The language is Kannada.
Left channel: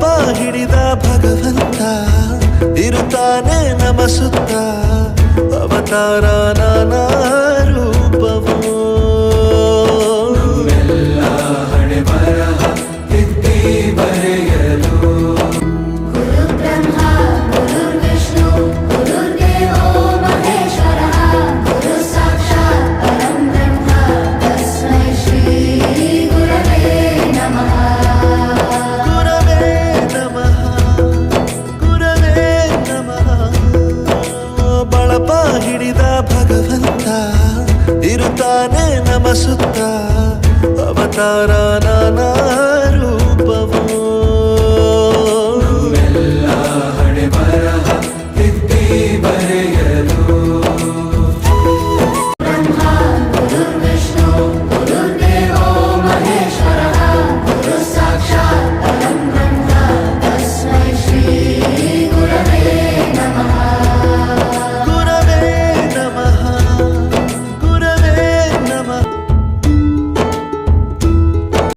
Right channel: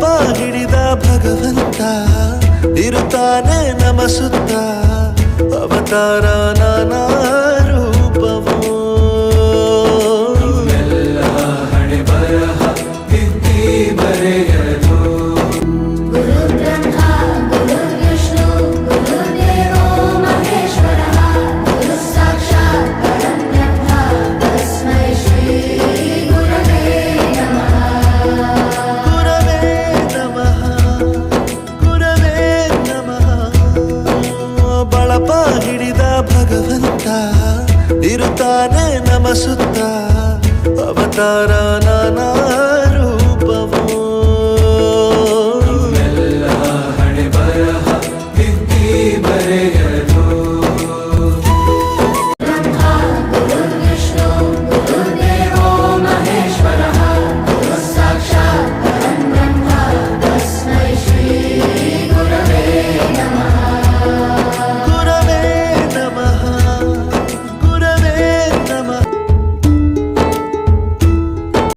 ಬಳಪ ಹಿಡಿದ ಭಗವಂತ ಇರುತ್ತಾನೆ ನಮ ಸುತ್ತ ಅವತಾರ ನಾನಾ ರೂಪವೋ ಬಳಪ ಹಿಡಿದ ಭಗವಂತ ಇರುತ್ತಾನೆ ನಮ ಸುತ್ತ ಅವತಾರ ನಾನಾ